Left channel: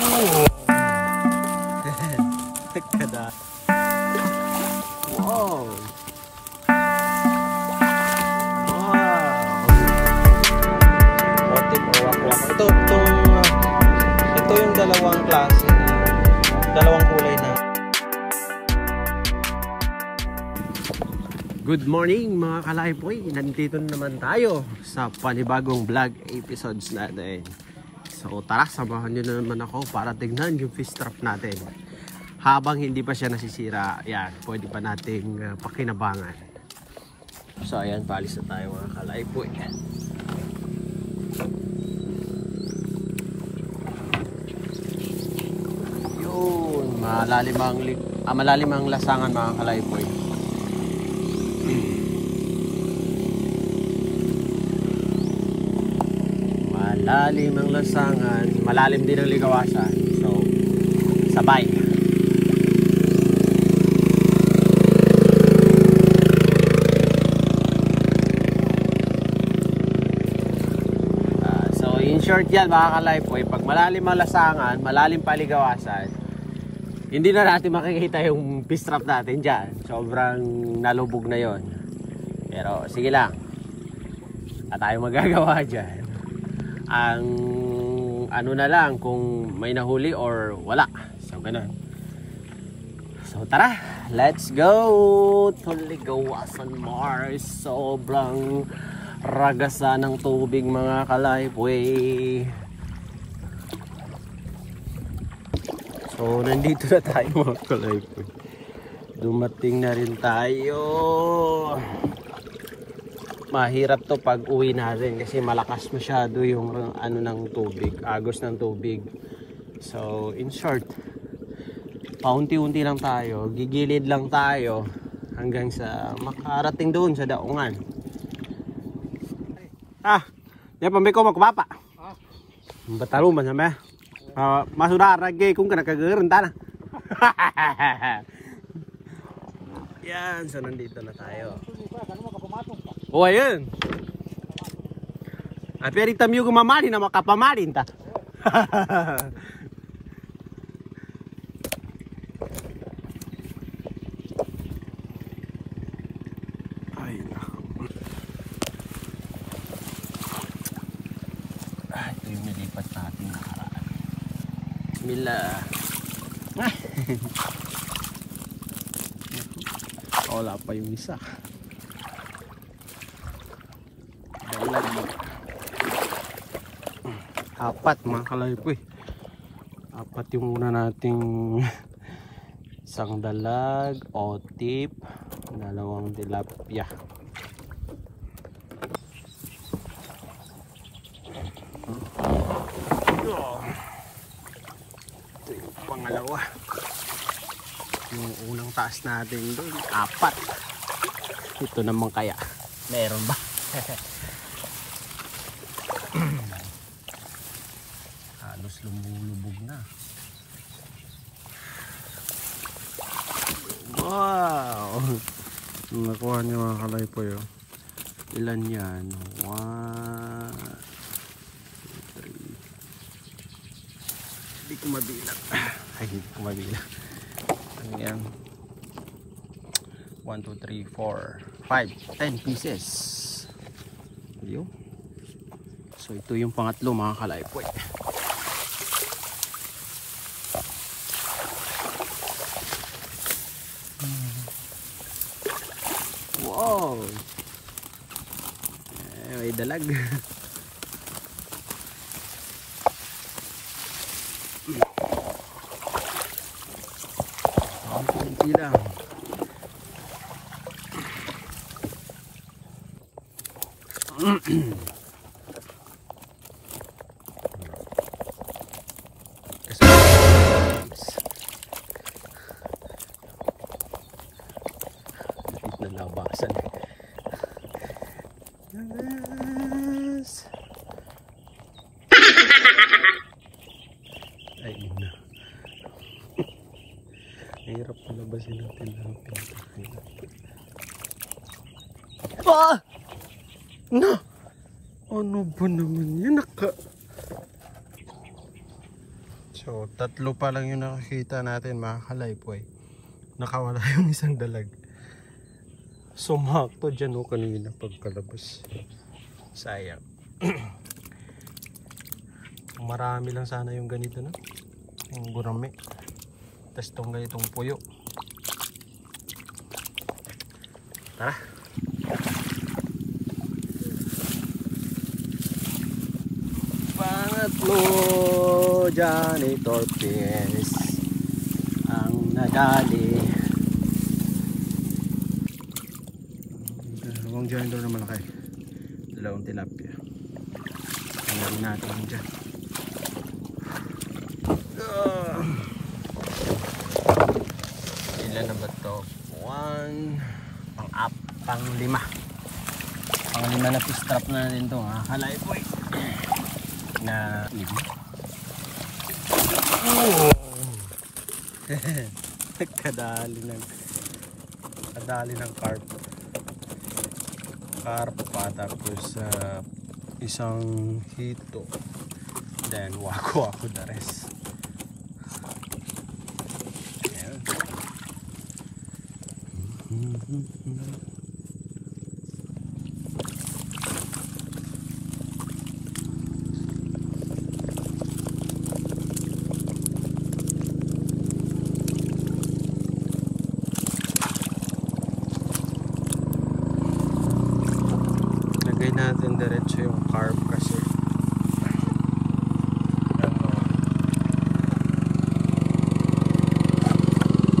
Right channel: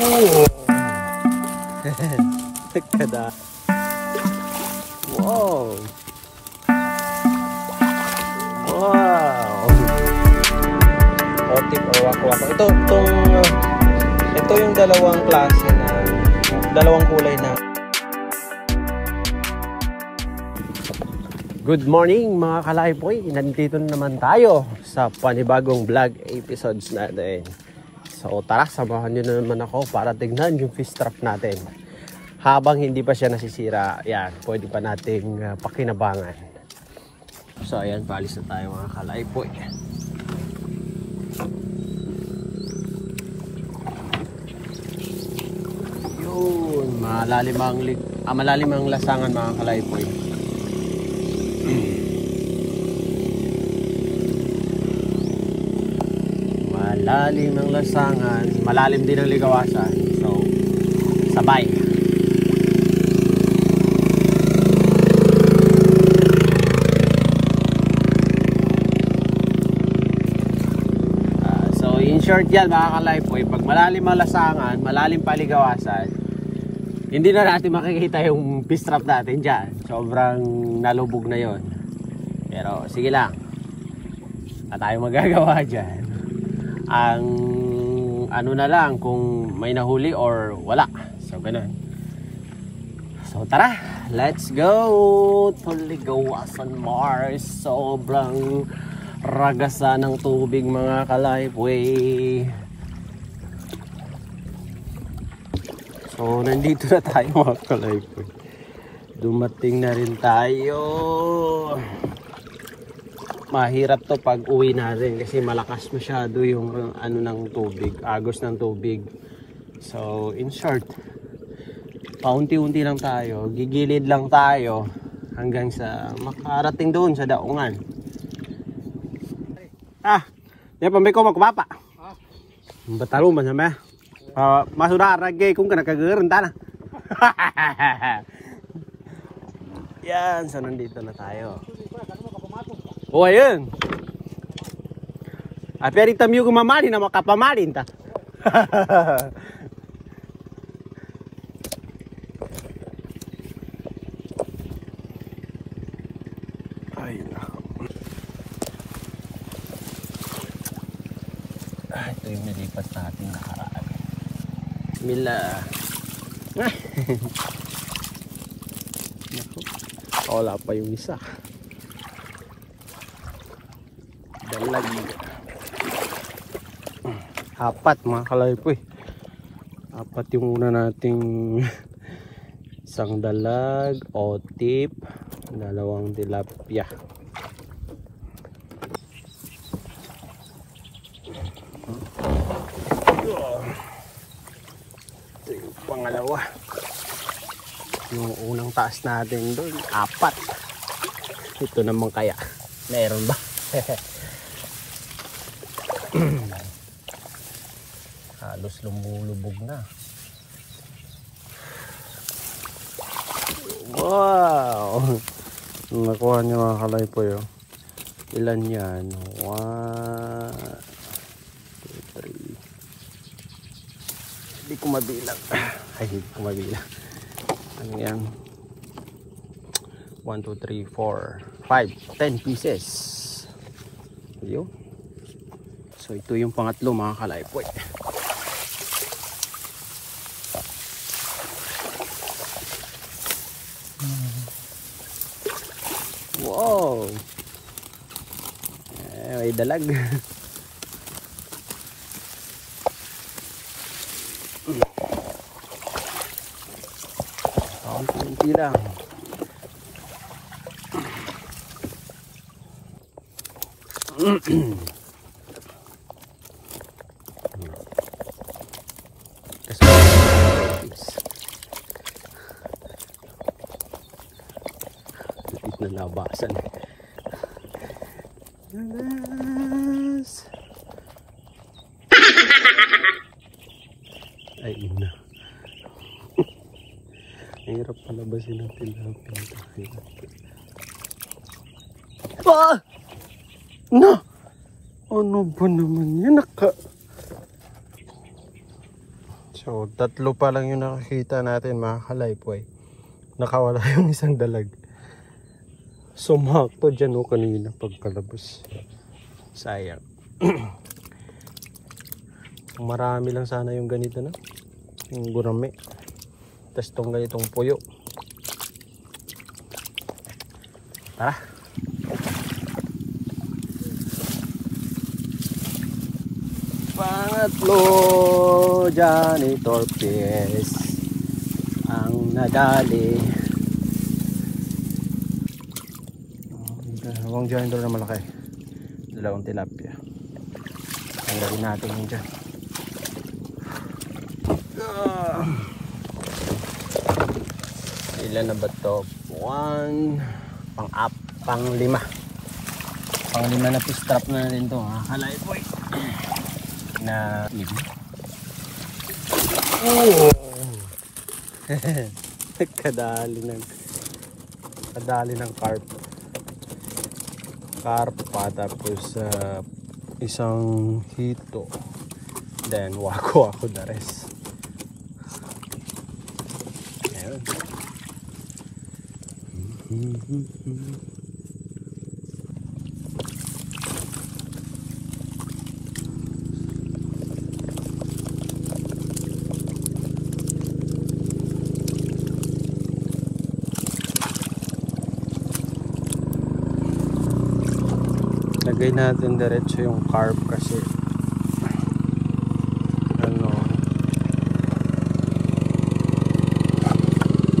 Oh. Kada. Wow. Wow. Orchid o wako-wako. Ito yung dalawang klase na dalawang kulay na. Good morning mga kalaypoy. Nandito naman tayo sa panibagong vlog episodes natin. So tara, samahan nyo na naman ako para tignan yung fish trap natin. Habang hindi pa siya nasisira, yan, pwede pa nating pakinabangan. So ayan, paalis na tayo mga kalaypoy. Yun, malalim ang lasangan mga kalaypoy. Malalim ang lasangan, malalim din ang ligawasan. So, sabay. So, in short yan mga kalaypoy, pag malalim ang lasangan, malalim pa ligawasan, hindi na natin makikita yung fish trap natin dyan. Sobrang nalubog na yon. Pero, sige lang. At tayo magagawa dyan. Ang ano na lang kung may nahuli or wala. So ganun. So tara, let's go to Ligawasan Mars. Sobrang ragasa ng tubig mga kalaypoy. So nandito na tayo mga kalaypoy. Dumating na rin tayo. Mahirap to pag uwi natin kasi malakas masyado yung ano ng tubig, agos ng tubig. So in short, paunti-unti lang tayo, gigilid lang tayo hanggang sa makarating doon sa daungan. Yan pambay ko magkupapa. Bataro man sama. Masudara gay kung kanakagurenta na. Yan, so nandito na tayo. Oh, ayun. Pero itamyo ko mamalin na makapamalin ta. Ayun na. Ito yung nilipat natin nakaraan. Mila. Wala pa yung isa. Dalag. Apat mga kalaypoy. Apat yung una nating isang dalag, otip, dalawang tilapia. Ito yung pangalawa. Yung unang taas natin doon, apat. Ito naman kaya. Meron ba? Halos lumulubog na. Wow! Nakuha niya mga kalaypoy. Ilan yan? 1, 2, 3. Hindi ko mabilang. Ay, hindi ko mabilang. Ano yan? 1, 2, 3, 4, 5, 10 pieces. Yun. So ito yung pangatlo mga kalaypoy. Wow. May dalag. Kunti lang. Na labasan. Yes. Ay ina. Hirap palabasin natin tilapia. No. Ano ba naman yan? So So, 3 pa lang yung nakakita natin mga kalaypoy. Nakawala yung isang dalag. Sumakto dyan o kanina pagkalabas. Sayang. Marami lang sana yung ganito na. Yung gurame. Tapos itong ganitong puyo. Tara. Pangatlo, janitor fish ang nadali. Dalawang janitor na malaki, dalawang tilapia. Tanggalin natin yun dyan. Ilan na ba ito? 1, pang-5 na fish trap na natin ito, ha? Kalaypoy na 5. Oh! kadali ng carp pa, tapos isang hito, then wako the rest. Ayun. Lagay natin diretso yung carp kasi ano,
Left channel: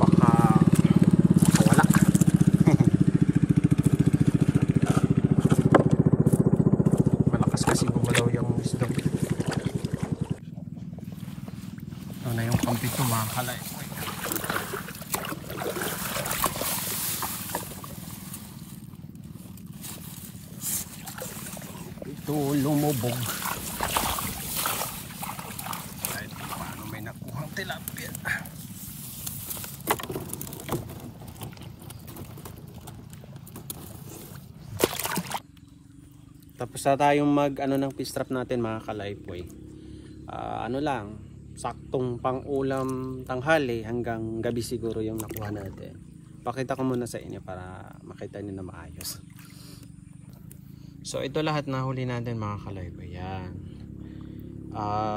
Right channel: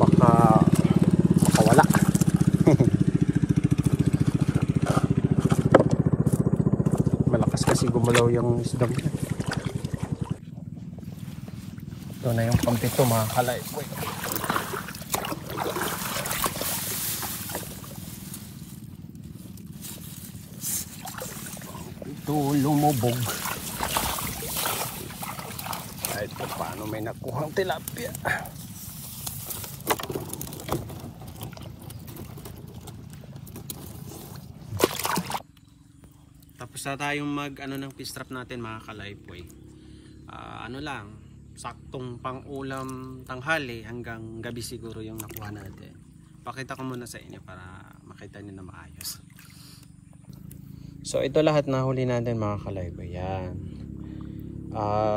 baka wala. Malakas kasi gumalaw yung isdam niya. Ito na yung pang-7 mga kalaypoy. Ito lumubog. Kahit paano may nakuhang tilapia. Tapos na tayong ng fish trap natin mga kalaypoy. Ano lang, saktong pang-ulam tanghali hanggang gabi siguro yung nakuha natin. Pakita ko muna sa inyo para makita niyo na maayos. So ito lahat na huli natin mga kalaypoy. Yan.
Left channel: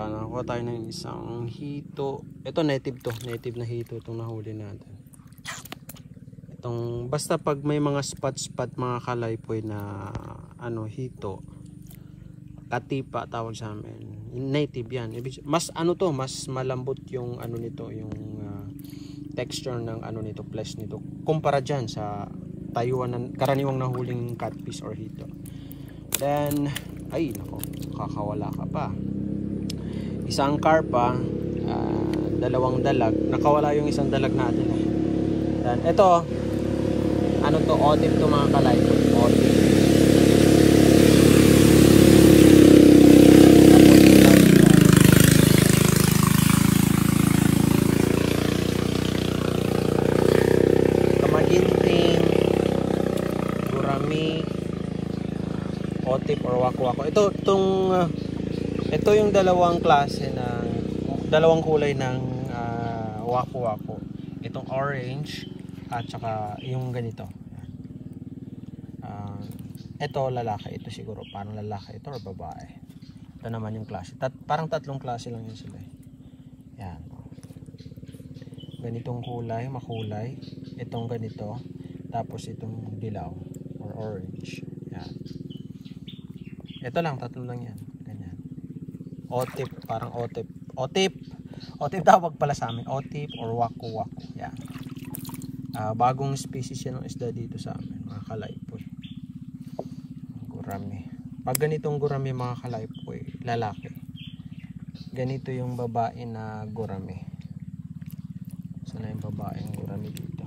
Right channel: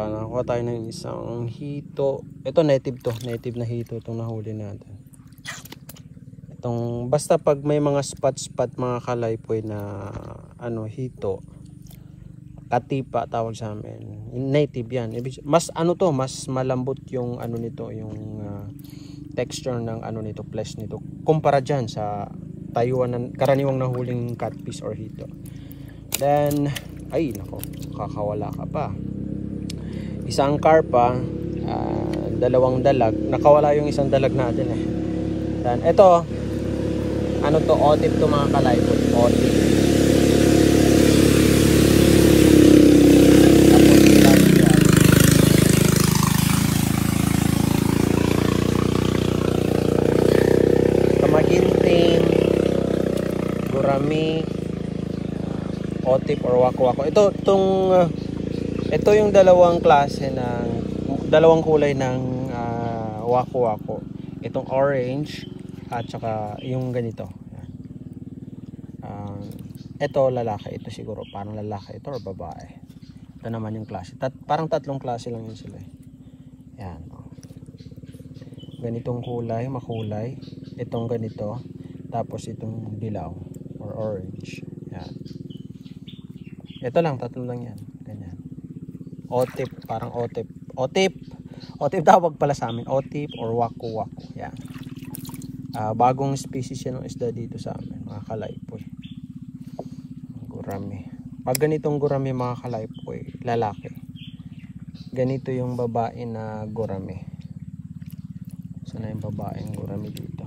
Nakuha tayo ng isang hito. Ito native to. Native na hito itong nahuli natin. Itong, basta pag may mga spot mga kalaypoy na hito. Katipa tawag sa amin. Native yan. Mas mas malambot yung nito. Yung texture ng nito, flesh nito. Kumpara dyan sa Taiwan, karaniwang nahuling catfish or hito. Then, ay nako, kakawala ka pa. Isang carpa, 2 dalag. Nakawala yung isang dalag natin eh. Then, ito, otip to mga kalaypoy. Otip. Tapos, tilapia. Kamaginting, gurami, otip or wako-wako. Ito yung dalawang kulay ng wako-wako. Itong orange at saka yung ganito. Ito lalaki, ito siguro parang lalaki ito or babae. Ito naman yung klase. Parang 3 klase lang yun sila. Yan. Ganitong kulay, makulay. Itong ganito. Tapos itong dilaw or orange. Yan. Ito lang, 3 lang yan. Ganyan. Otip, parang otip. Otip tawag pala sa amin. Otip or wako-wako. Yan. Bagong species yan ng isda dito sa amin. Mga kalaypoy. Gurami. Pag ganitong gurami mga kalaypoy, lalaki. Ganito yung babae na gurami. So na yung babaeng gurami dito.